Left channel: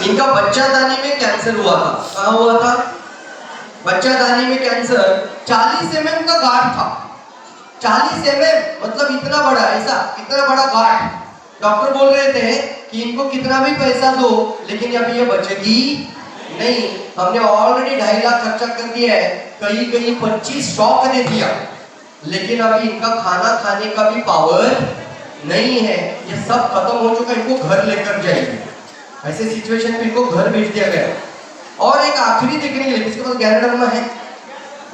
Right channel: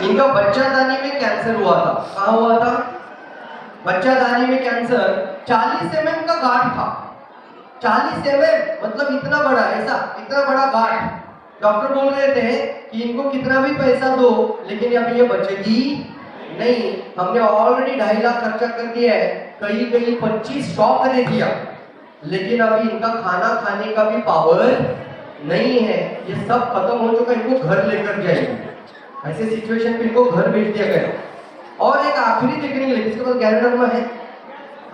इनका बच्चादानी में कैंसर हुआ था। कहाँ हुआ था? बच्चादानी में कैंसर। 40 mm का गांठ था। 40 mm मतलब इतना बड़ा, ऐसा इतना बड़ा गांठ। डॉक्टर बोल रहे थे कि इनको कितना भी पैसा दो लेकिन अभी ये बचेगी नहीं। हमने ऑलरेडी 2.5 लाख खर्चा कर दिया है, कहीं 25 शॉक दे दिया, लेकिन अभी इनका खाना खाने का भी पावर नहीं है। ये सब खत्म हो चुका, इनको घर लेकर जाएंगे। ऐसे सिचुएशन में इनको घर भेज दिया गया। और एक आखिरी देखने के लिए, इसके पास गैरोडर्मा है,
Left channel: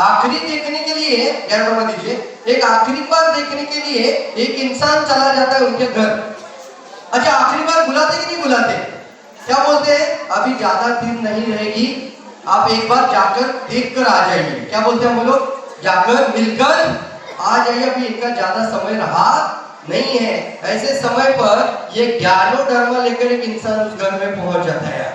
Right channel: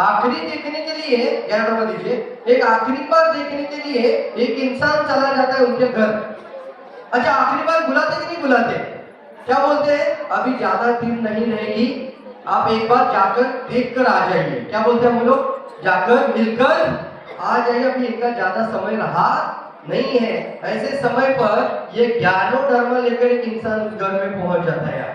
आखिरी देखने के लिए गैरोडर्मा दीजिए। एक आखिरी बार देखने के लिए एक इंसान चला जाता है उनके घर। अच्छा, आखिरी बार बुलाते कि नहीं बुलाते? क्या बोलते हैं? अभी ज्यादा दिन नहीं रहेगी, आप एक बार जाकर देख कर आ जाइए। क्या बोलते हैं हम लोग? जाकर मिलकर आ जाइए, अभी इनका ज्यादा समय रहा नहीं है। ऐसे समय पर ये ज्ञानोडर्मा लेकर एक इंसान उस घर में पहुंच जाता है।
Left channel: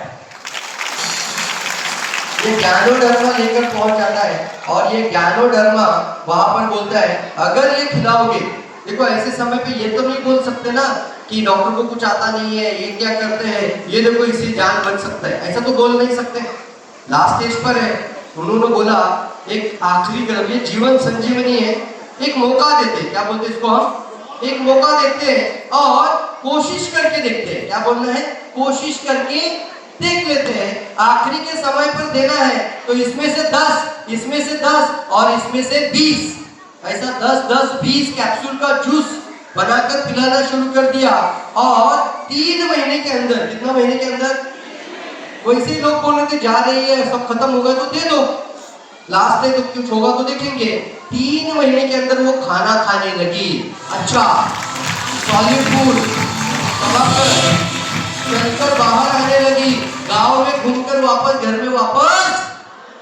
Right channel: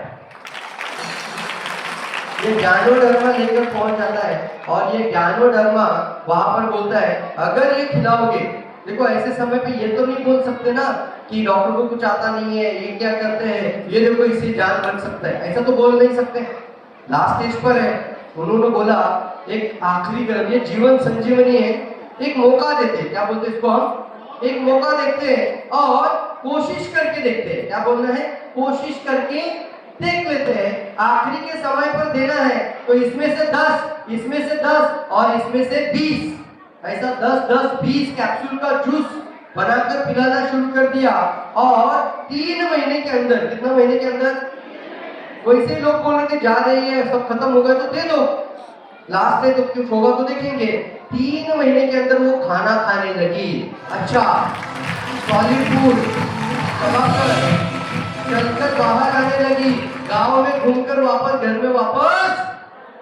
ये ज्ञानोडर्मा लेकर पहुंच जाता है और ये ज्ञानोडर्मा वहां पर बोलता है अगर ये खिलाओगे। देखो ऐसे समय पे ये तो नहीं बोल सकते ना कि डॉक्टर को कुछ आता नहीं है, ये क्या करते हैं, ये देखो इससे जान बच सकता है, ऐसा तो बोल नहीं सकते। लास्ट स्टेज पर है, उन्होंने बोला एक आखिरी कदम, ये जीवन संजीवनी है, एक मौका देते। क्या बोलते हैं इसको? हम एक मौका देते हैं और कोशिश करके देखते हैं। क्या बोलना है? कोशिश करके देख लेते हैं। आखिरी के समय पर देना है तो इसमें से 10, इसमें से 10 और इसमें से 20, ऐसा 10-10-20 कैप्सूल का जूस बनाकर पिलाना शुरू कर दिया। और 3 महीने के अंदर, कितना महीने के अंदर? वैसे ही लोग बोल रहे थे जा रही है, सब खत्म हो गया तो दे दो, लास्ट में तो कुछ होगा तो देखेंगे। 3 महीने के अंदर वो खाना खाने लगी। अच्छा, सॉलिड फूड चलकर बाहर आने लगी, गांव में घूमकर वापस घर में वापस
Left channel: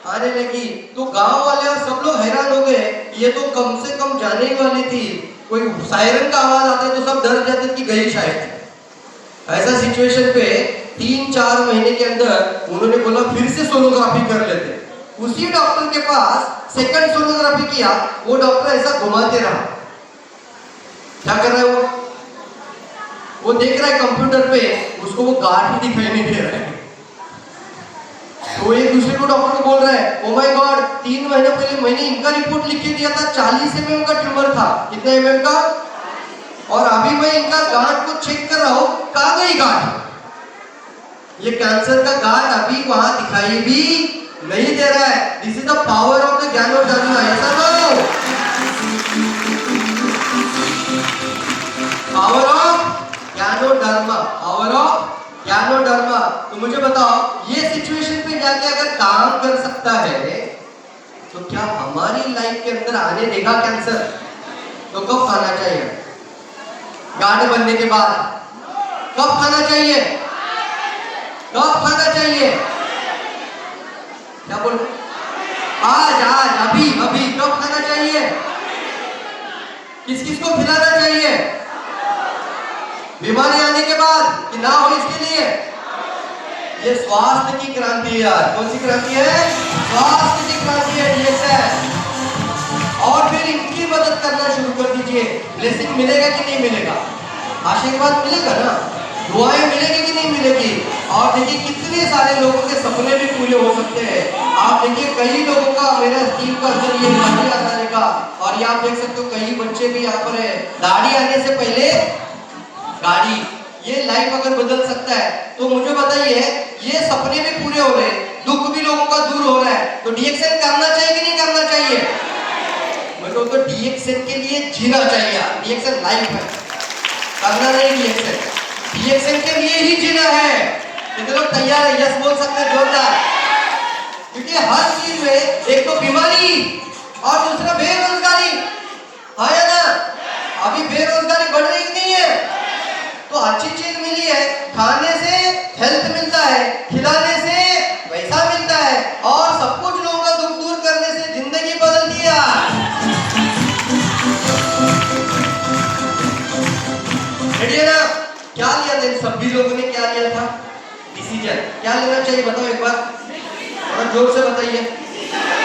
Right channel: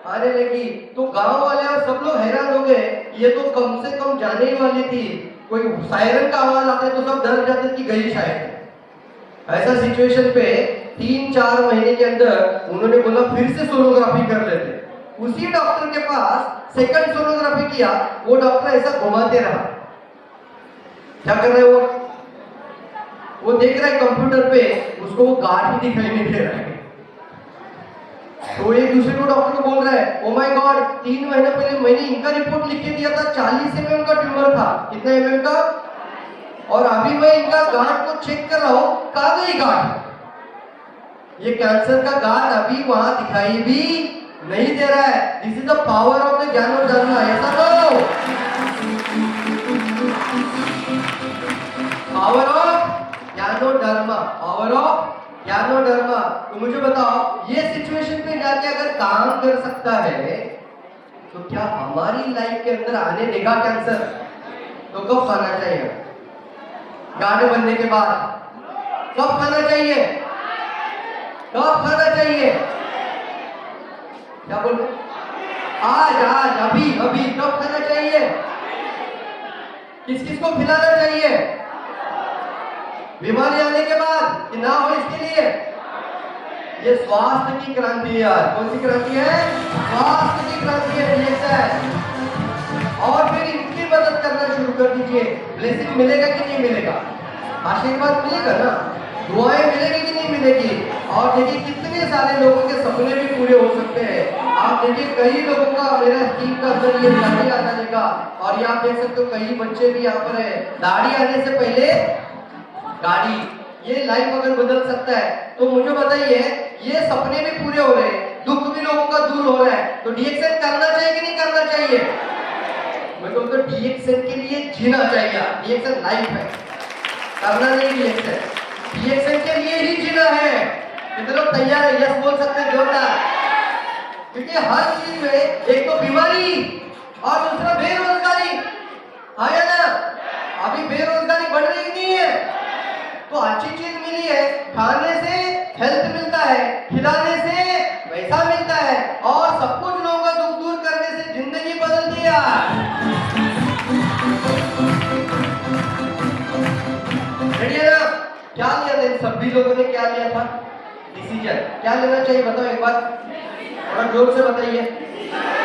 आने लगी। तो गांव वाले और सब लोग हैरान हो गए, ये तो कम से कम जाने ही वाली थी, कोई सायरन का आवाज आता है तो सब डर जाते कि गई शायद। ऐसा सिचुएशन पे 3-4 महीने के अंदर उन्होंने बोला फिर से सोनोग्राफी कर लेते। उसी डॉक्टर के पास सेकंड सोनोग्राफी किया, वो डॉक्टर ऐसा घुमाते रहा। क्या कर रहा है वो देख रहा है कंप्यूटर पे, उसको वो गांठ दिखाई नहीं दे रहा है। तो एक दूसरे को डॉक्टर को बोल रहा है ओ माय गॉड, 3 महीने पहले मैंने इनका रिपोर्ट लिख के दिया था, 40 mm का ट्यूमर था। कितना mm का? और अभी मैं इनका गांठ को चेक कर रहा हूँ, कहाँ गई गांठ? ये कैंसर का गांठ अभी वहां दिखाई भी नहीं दे रहा है। This is the power of the ganoderma. ऐसा तो power of ganoderma, power of ganoderma. तो मुझे बताओ, ये सिचुएशन पे जाके अगर काम कर सकता है तो क्या हमारी लाइफ के अंदर आने देगा कैंसर? तो कब खाना चाहिए? गांठ बनने के बाद। कब खाना चाहिए? कब खाना चाहिए? क्या बोल रहे? आज आज अभी अभी। कब खाना चाहिए? किस किस को खिलाना चाहिए? बीमारी आने के बाद कि ना हो इसके लिए? ये स्वास्थ्य की क्रांति है यार। कौन सी क्रांति है? स्वास्थ्य की क्रांति है डीएक्सएल। और फिर इनकी मदद करना शुरू कर दीजिए। ब्लेसिंग मिलेगा कि नहीं मिलेगा? आशीर्वाद मिलेगा ना? दुआएं मिलेगी कि नहीं मिलेगी? और देखिए कितने सारे लोगों के सपने भी पूरे हो सकते हैं। आप देखिए कई लोगों का, मेरा स्टीम का अंदर ये दाढ़ी आता रहेगा, और ये आप देख सकते हो कई बच्चे भी यहाँ पर है। दाढ़ी आने से पहले गाड़ी, ये लाइफ अगर बदल सकता है तो मुझे बताइए, ये सपने भी पूरे हो रहे, दुख भी लोगों का दूर हो रहा है, तो डीएक्सएल करना चाहिए कि नहीं करना चाहिए? मतलब तो डीएक्सएल के लिए जीना चाहिए। डीएक्सएल लाइफ है, करना नहीं। डीएक्सएल के लिए ही जीना है। कितने लोग तैयार है? यस बोल सकते हैं जोरदार। क्योंकि हर चीज में एक तो बीमारी और दूसरा बेरोजगारी है ना। अभी बेरोजगारी बढ़ रही नहीं है, तो अच्छी चीज मिली है, खाने से हेल्थ मिलता है, खिलाने से पैसा मिलता है, और सब कुछ लोगों का दुख दूर करने से जिंदगी बदल दिया। ना क्या लिया था इन सभी लोगों ने? क्या लिया था? डिसीजन। क्या लेना चाहिए बताओ एक बार, और जोर से बताइए।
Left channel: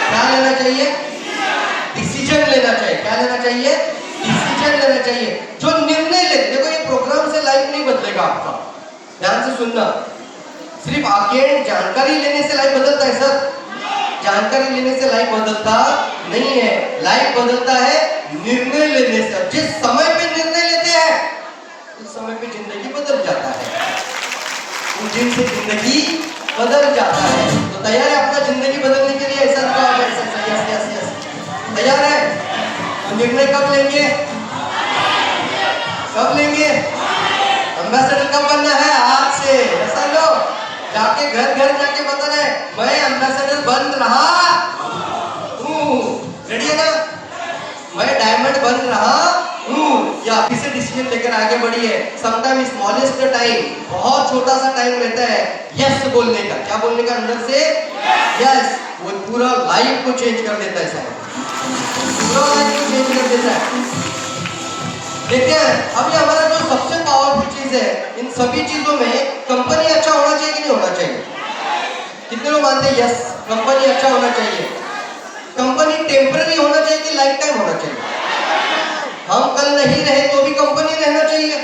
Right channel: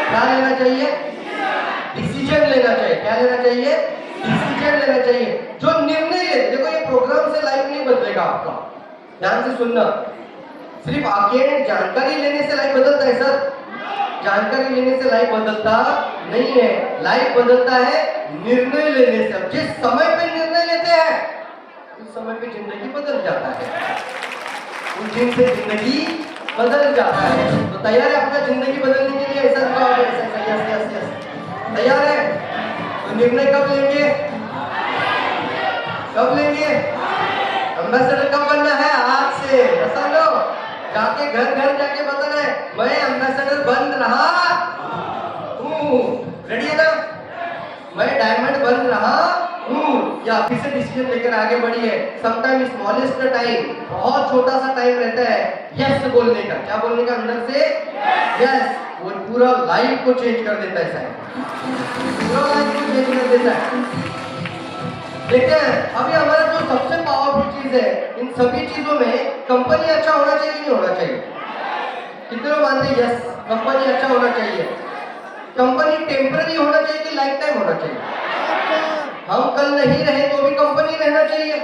क्या लेना चाहिए? डिसीजन लेना चाहिए। क्या लेना चाहिए? डिसीजन लेना चाहिए। जो निर्णय ले, देखो ये प्रोग्राम से लाइफ नहीं बदलेगा आपका, ध्यान से सुनना। सिर्फ आके जानकारी लेने से लाइफ बदलता है सर? जानकारी लेने से लाइफ बदलता नहीं है। लाइफ बदलता है निर्णय लेने से। जिस समय पे निर्णय लेते हैं उस समय पे जिंदगी बदल जाता है। उस दिन से जिंदगी बदल जाता है। तो तैयार है अपना जिंदगी बदलने के लिए? ऐसा तैयार है? तो निर्णय कब लेंगे? कब लेंगे? एम्बेसडर कब बनना है? आज से। ऐसा लो जाके घर घर जाके बताना है मैं एम्बेसडर बन रहा हूँ। रेडी है ना? मैं डायमंड बन रहा हूँ। या अभी से डिसीजन लेकर आगे बढ़िए। समटाइम स्मॉलेस्ट टाइम, बहुत छोटा सा टाइम रहता है यस बोलने का। क्या बोलने का? अंदर से यस। वो पूरा लाइफ को चेंज कर देता है सर। पूरा लाइफ को चेंज कर देता है। देखते हैं अभी हमारा जो सबसे पावरफुल चीज है इन सभी चीजों में, कंपनी अच्छा होना चाहिए कि नहीं होना चाहिए? कितने लोग मानते हैं यस कंपनी अच्छा होना चाहिए? कंपनी टेम्पररी होना चाहिए कि लाइफ टाइम होना चाहिए? हम कल नहीं रहे तो भी कंपनी रहना चाहिए।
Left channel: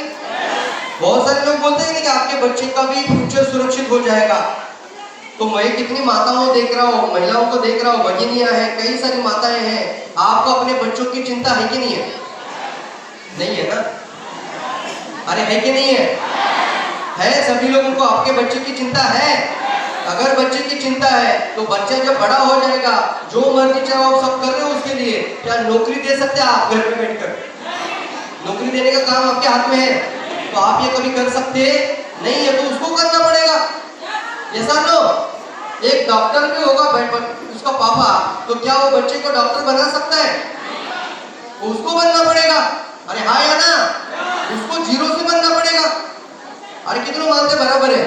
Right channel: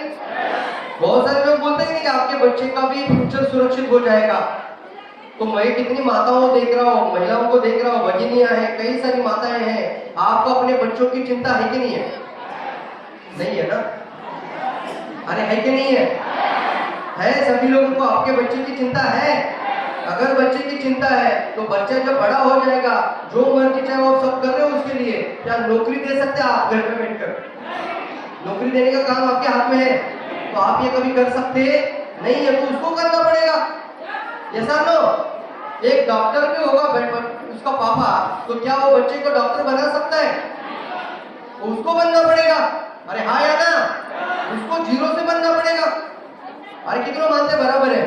बहुत सारे लोग बोलते हैं कि आपके बच्चे का भी फ्यूचर सुरक्षित हो जाएगा। तो मैं कितनी माताओं देख रहा हूँ, महिलाओं को देख रहा हूँ, भगिनियां हैं, कई सारी माताएं हैं। आपको अपने बच्चों की चिंता है कि नहीं है? नहीं है ना? अरे है कि नहीं है? है। सभी लोगों को आपके बच्चे की चिंता है। अगर बच्चे की चिंता है तो बच्चा जब बड़ा हो जाएगा जो मर्जी चाहे आप सब कर रहे हो उसके लिए, क्या नौकरी दे सकते हैं आप घर में बैठकर? नौकरी देने का काम आपके हाथ में है तो आप ये कभी कर सकते नहीं है, तो उसको करना पड़ेगा। ऐसा लो एक डॉक्टर भी होगा उसका पापा, तो क्या वो बच्चे को डॉक्टर बना सकता है? उसको बनना पड़ेगा। अरे हाँ या ना? उसको जीरो से बनना पड़ेगा। अरे कितने मानते बराबर है?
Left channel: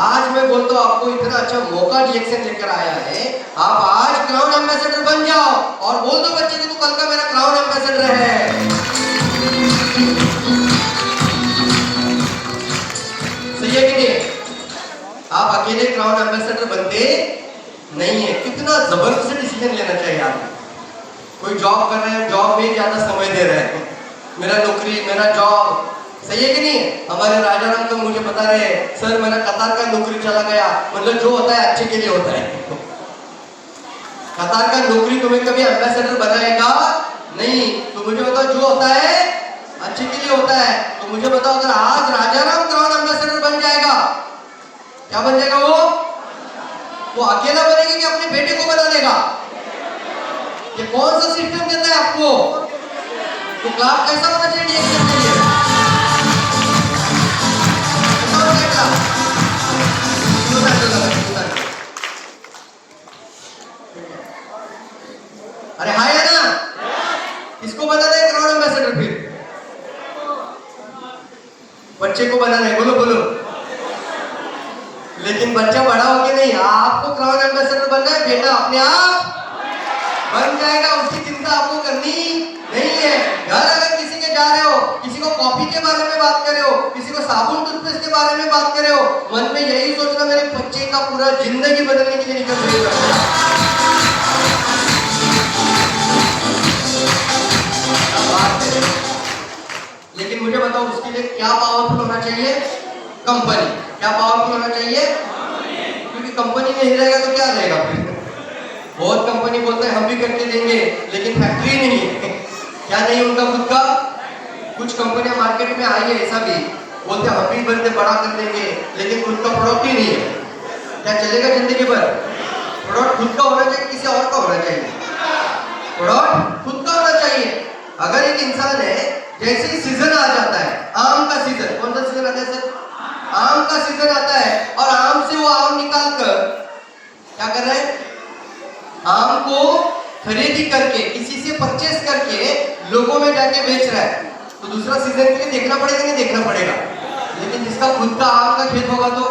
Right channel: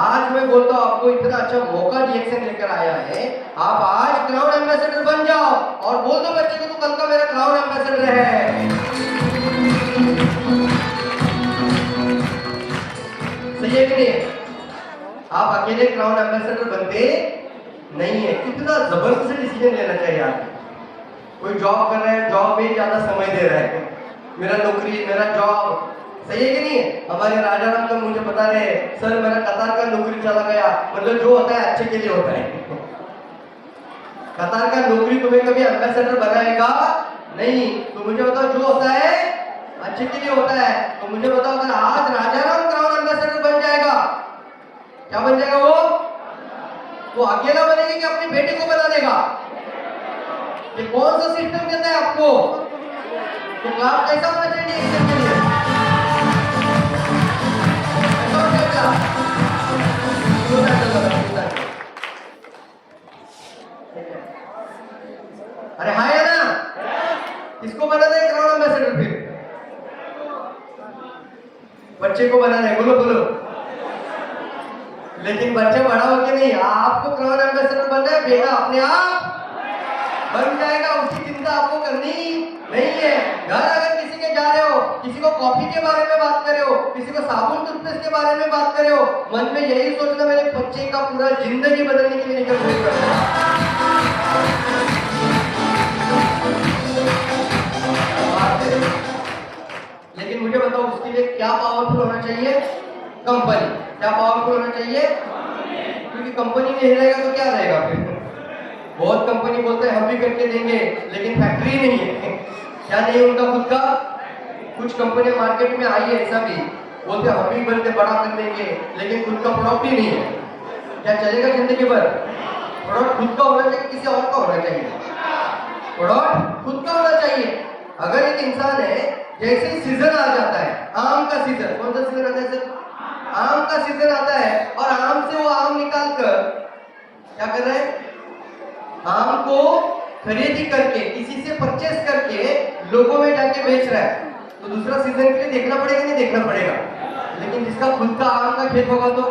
आज मैं बोलता हूँ आपको इतना अच्छा मौका डीएक्सएन लेकर आया है, आप आज क्राउन एम्बेसडर बन जाओ और बोल दो बच्चे कि तू कल का मेरा क्राउन एम्बेसडर है। सही है कि नहीं? आप अकेले क्राउन एम्बेसडर बनते नहीं है। कितना जबरदस्त डिसीजन लेना चाहिए आपको। कोई जॉब कर रहा है, जॉब में ज्यादा समय दे रहा है, मेरा नौकरी मेरा जॉब, सही है कि नहीं? हमारे राजा राम का मुझे बता रहे सर मेरा कतार का नौकरी चला गया। मतलब जो होता है अच्छे के लिए होता है। कतार का नौकरी तुम्हें कभी एम्बेसडर बनाएगा नहीं। तो मुझे बताओ जो होता है अच्छे के लिए होता है। तो मुझे बताओ अगर आज राजा राम क्राउन एम्बेसडर बन जाएगा, क्या बन जाएगा वो अकेला बनेगा कि अपने बेटे को बना देगा? ये कौन सा सिस्टम देता है आपको? तो क्लास कैसा होना चाहिए डीएक्सएन के लिए? अरे हाँ या ना? किसको बनाना है क्राउन एम्बेसडर? फिर बच्चे को बनाना है। बोलो बोलो। लेकिन बच्चा बड़ा हो के नहीं, आपको क्राउन एम्बेसडर बनना है। बेटा अपने आप बन जाएगा, उसकी चिंता आपको करनी नहीं है। घर अगर किसी के जा रहे हो, किसी को कॉफी के बारे में बात कर रहे हो, किसी को साबुन टूथपेस्ट के बारे में बात कर रहे हो, मन में यही सोचना मेरे बच्चे का पूरा जिंदगी बदलने के लिए निकल रही लेकिन मुझे बताओ उसके लिए क्या पावरफुल होना चाहिए? कंपनी। क्या पावरफुल होना चाहिए? क्योंकि कंपनी नहीं रहेगा तो क्या रहेगा फिर? बहुत कंपनी बोलते हैं हम भी करके देंगे, लेकिन फैक्ट्री नहीं है। क्या नहीं उनका खुद का? कुछ कंपनियां मार्केट में आई है ऐसा भी बोलते हैं हम भी बनते बड़ा कर देंगे, लेकिन खुद का प्रोडक्ट ही नहीं है। क्या चलेगा जिंदगी भर? प्रोडक्ट खुद का होना चाहिए, किसी और का होना चाहिए? प्रोडक्ट खुद का होना चाहिए। अगर एक इंसान है, जैसे ही सीजन आ जाता है, आम का सीजन, कौन सा सीजन आता है सर? आम का सीजन आता है और आम से वो आम निकाल कर क्या कर रहा है? आम को खरीदी करके, किसी से परचेस करके लोगों में जाके बेच रहा है। तो दूसरा सीजन के लिए देखना पड़ेगा नहीं देखना पड़ेगा? लेकिन जिसका खुद का आम का खेत होगा तो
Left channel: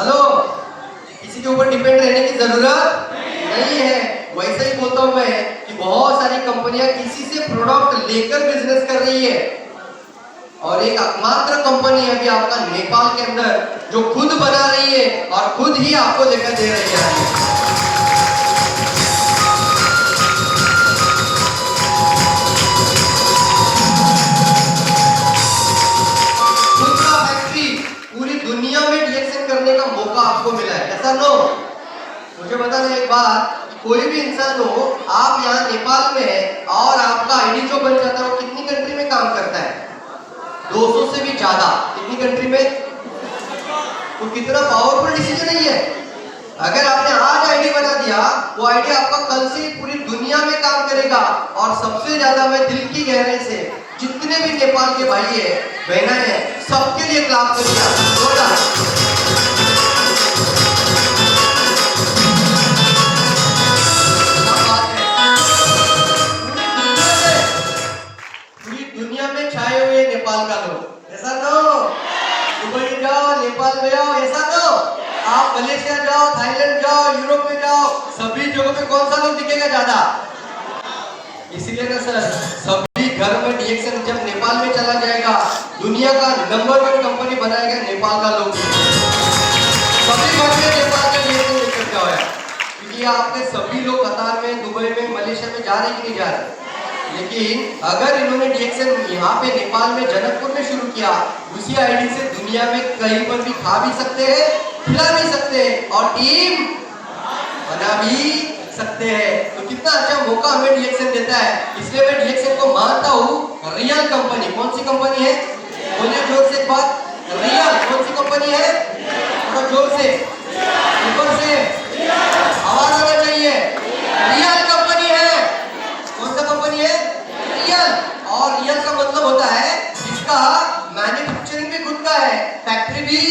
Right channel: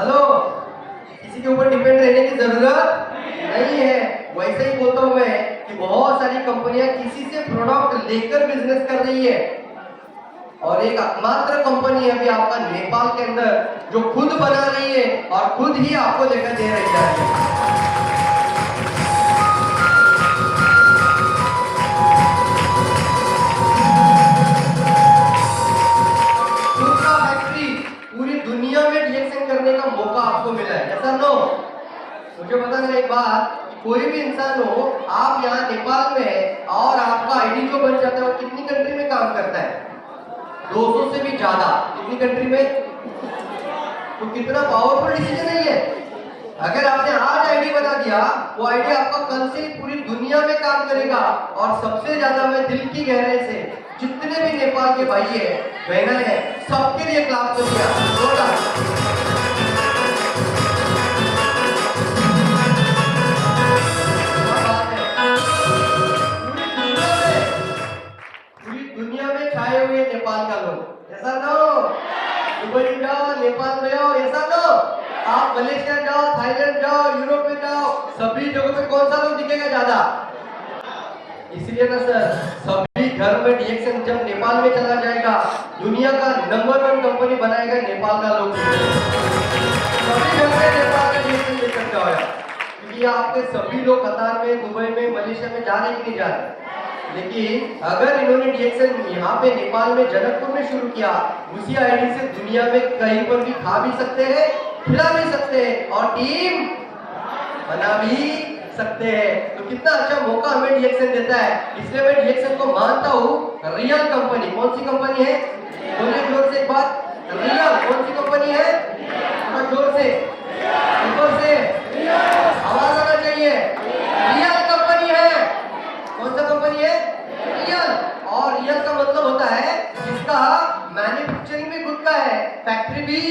हेलो, किसी के ऊपर डिपेंड रहने की जरूरत नहीं है। वैसे ही बोलता हूं मैं कि बहुत सारी कंपनियां किसी से प्रोडक्ट लेकर बिजनेस कर रही है और एक एकमात्र कंपनी है अभी आपका नेपाल के अंदर जो खुद बना रही है और खुद ही आपको लेकर दे रही है। खुद का फैक्ट्री दुनिया में डीएक्सएन करने का मौका आपको मिला है, ऐसा नो? मुझे बताना एक बात, कोई भी इंसान हो, आप यहाँ नेपाल में है और आपका आईडी जो बन जाता है वो कितनी कंट्री में काम करता है? 200 से भी ज्यादा। कितनी कंट्री में? तो कितना पावरफुल डिसीजन है ये। अगर आपने आज आईडी बना दिया, वो आईडी आपका कल से पूरी दुनिया में काम करेगा। और सबसे ज्यादा मैं दिल की गहराई से जितने भी नेपाल के भाई है, बहना है, सबके लिए क्लाप कर दिया। पूरी दुनिया में छाए हुए नेपाल का लोग, ऐसा तो दुबई जाओ, नेपाल में जाओ, ऐसा तो आप मलेशिया जाओ, थाईलैंड जाओ, यूरोप में जाओ, सभी जगहों पे कौन सा लोग दिखेगा ज्यादा? इसलिए ना सर, सभी घर में डीएक्सएन जब नेपाल में चला जाएगा, दुनिया का नंबर 1 कंपनी बनाएगा नेपाल का लोग। सभी घर में नेपाल का डीएक्सएन लेकर जाओ यार, क्योंकि आपके सभी लोग कतार में, दुबई में, मलेशिया में जा रहे कि नहीं जा रहे? लेकिन अगर इन्होंने डीएक्सएन यहाँ पे नेपाल में जनकपुर में शुरू किया, उसी आईडी से दुनिया में कहीं पर भी खा भी सकते हैं, खिला भी सकते हैं और टीम बना भी सकते हैं। तो कितना अच्छा मौका हमें डीएक्सएन देता है। इसलिए मैं डीएक्सएन को मानता हूँ रियल कंपनी। कौन सी कंपनी है? बोलिए जोर से एक बात, रियल कौन सी कंपनी है? और जोर से, ऊपर से आवाज आना चाहिए। रियल कंपनी है। कौन सा कंपनी है? रियल। और रियल का मतलब होता है इसका मैन्युफैक्चरिंग भी खुद का है, फैक्ट्री भी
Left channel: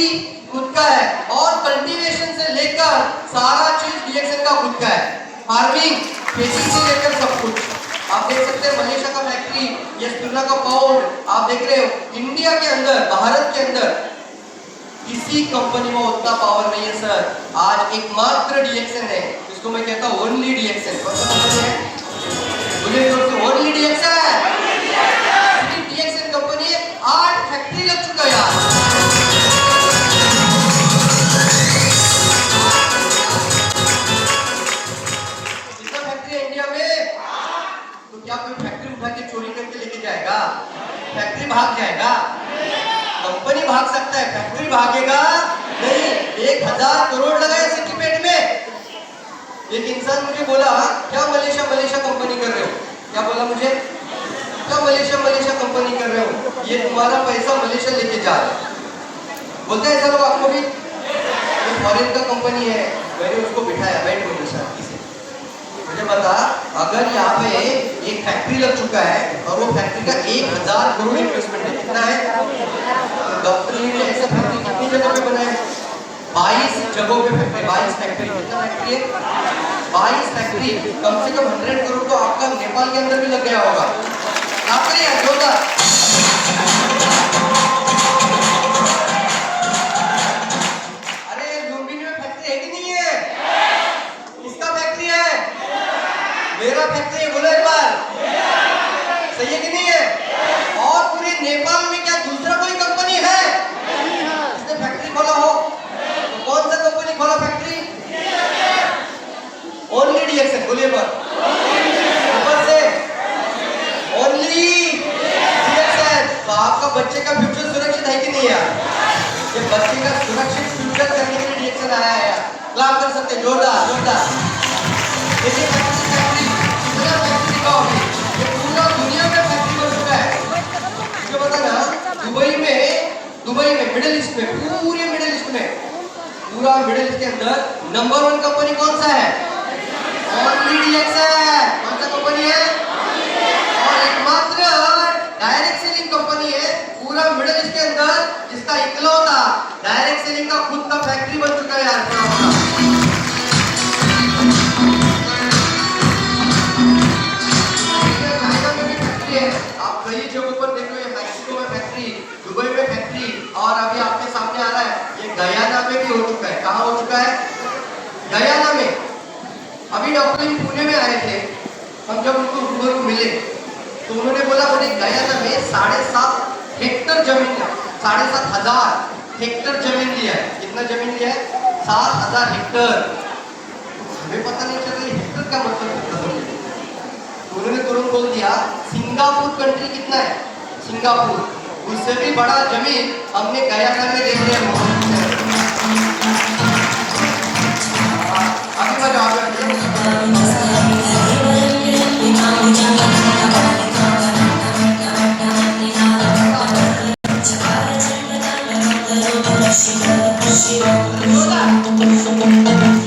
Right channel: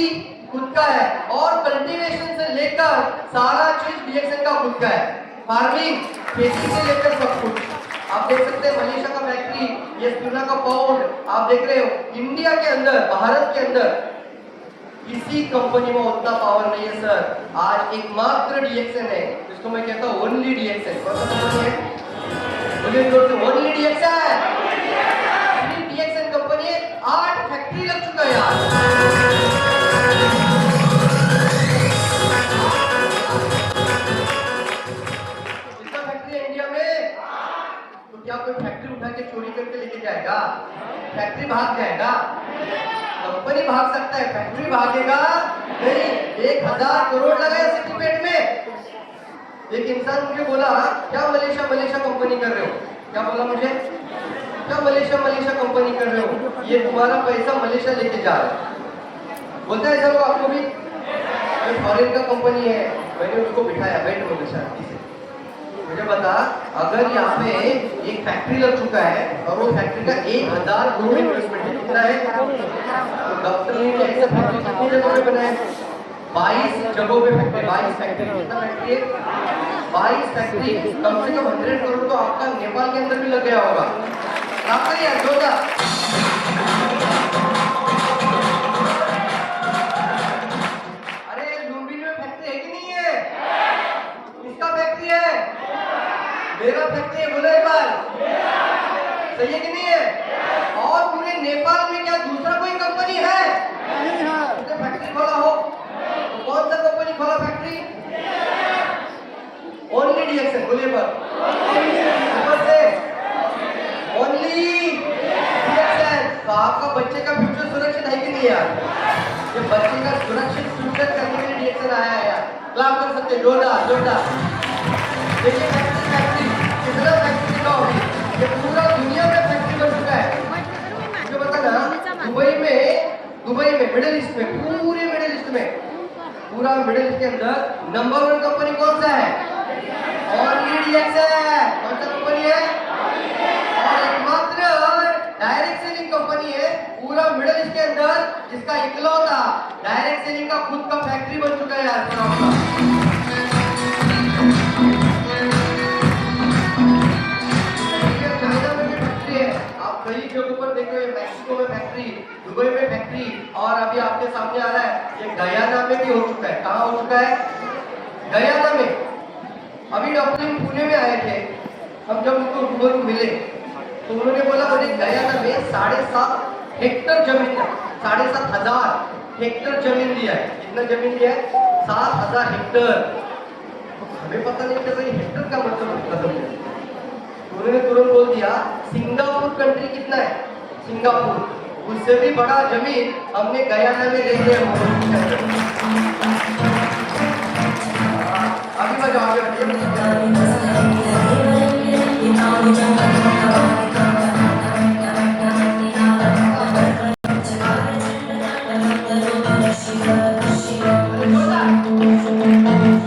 खुद का है और कल्टीवेशन से लेकर सारा चीज डीएक्सएन का खुद का है। फार्मिंग, खेती से लेकर सब कुछ। आप देख सकते हैं मलेशिया का फैक्ट्री, ये सोना का पाउंड आप देख रहे हो। इंडिया के अंदर, भारत के अंदर किसी कंपनी में उतना पावर नहीं है सर। आज एकमात्र डीएक्सएन है, इसको मैं कहता हूँ ओनली डीएक्सएन। कौन सा कंपनी है? बोलिए जोर से, ओनली डीएक्सएन। डीएक्सएन कंपनी है, 8 फैक्ट्री लग चुका है यार। कितना फैक्ट्री है इंडिया में? तो क्या कोई फैक्ट्री उठा के चोरी करके लेके जाएगा? फैक्ट्री भाग जाएगा? कंपनी भाग सकता है, फैक्ट्री भागेगा नहीं। 1000 करोड़ लगाए सिटीपेट में। एक इंसान मुझे बोला, क्या मलेशिया कंपनी कर रहे हो? क्या बोला मुझे? क्या मलेशिया कंपनी कर रहे हो? ये तुम्हारा पैसा मलेशिया लेके जा रहे हैं। बोलते हैं सर लोग आपको भी, ये फॉरेन का कंपनी है। मैंने उसको बिठाया, बैठ मलेशिया से, मुझे बता, अगर यहाँ पे एक फैक्ट्री लग चुका है और वो फैक्ट्री का 1000 करोड़ इन्वेस्टमेंट है, कितना है? डॉक्टर ने ऐसे फैक्ट्री कितनी जगह पे बनाया? 22 जगहों पे फैक्ट्री, 22 फैक्ट्री। कितना फैक्ट्री है? 22 फैक्ट्री। कम से कम 100 करोड़ तो आपका नेपाल के अंदर भी लग गया होगा। आप यार जोरदार। अरे लुम्बिनी में फैक्ट्री है कि नहीं है? किसका फैक्ट्री है? मेरा फैक्ट्री है। बोलो एक बार, सही है कि नहीं है? और पूरे नेपाल में क्या दूसरा कोई कंपनी है जिसने फैक्ट्री खोला हो? तो कौन सा कंपनी खोला फैक्ट्री? Only DXN. बोलिए पर ऊपर से, ओनली डीएक्सएन। तो आपका बच्चे का फ्यूचर सुरक्षित है कि नहीं है? ये बच्चे का सुरक्षित फ्यूचर करने के लिए डीएक्सएन आया है। क्लाप कर सकते, जोरदार जोरदार। देखिए फैक्ट्री कितना फैक्ट्री का होगी, ये पूरा दुनिया में फैक्ट्री बन चुका है। मुझे बता ना, दुबई में मिडिल ईस्ट में, पूरे मिडिल ईस्ट में, पूरा मिडिल ईस्ट के अंदर नंबर 1 कंपनी कौन सा है? Only DXN. कौन सा कंपनी है? और एकमात्र डायरेक्ट सेलिंग कंपनी है पूरा मिडिल ईस्ट के अंदर जिसका इकलौता डायरेक्ट सेलिंग का खुद का फैक्ट्री बन चुका है यार। चाइना में भी फैक्ट्री है, आप कई जगहों पर देख रहे हो। मैक्सिको में फैक्ट्री, दुबई में फैक्ट्री, और अभी आपके सामने आ रहा है ये गयाना में भी हो चुका है। कहाँ हो चुका है? गयाना में। अभी डॉक्टर पुणे में आए थे, हम जब उनको रूबरू मिले तो उन्होंने बोला मुझे गयाना में 7.5 हेक्टर जमीन है, 7,500 हेक्टर जमीन लिया है। कितना जमीन लिया है? 7,000 हेक्टर। हमें पता नहीं चल रही हेक्टर का मतलब है। तो उन्होंने तुरंत बोल दिया सिंगापुर कंट्री कितना है? सिंगापुर उससे भी बड़ा जमीन हमने गयाना में देख लिया। अभी बजाओ Shiva, Shiva, Shiva,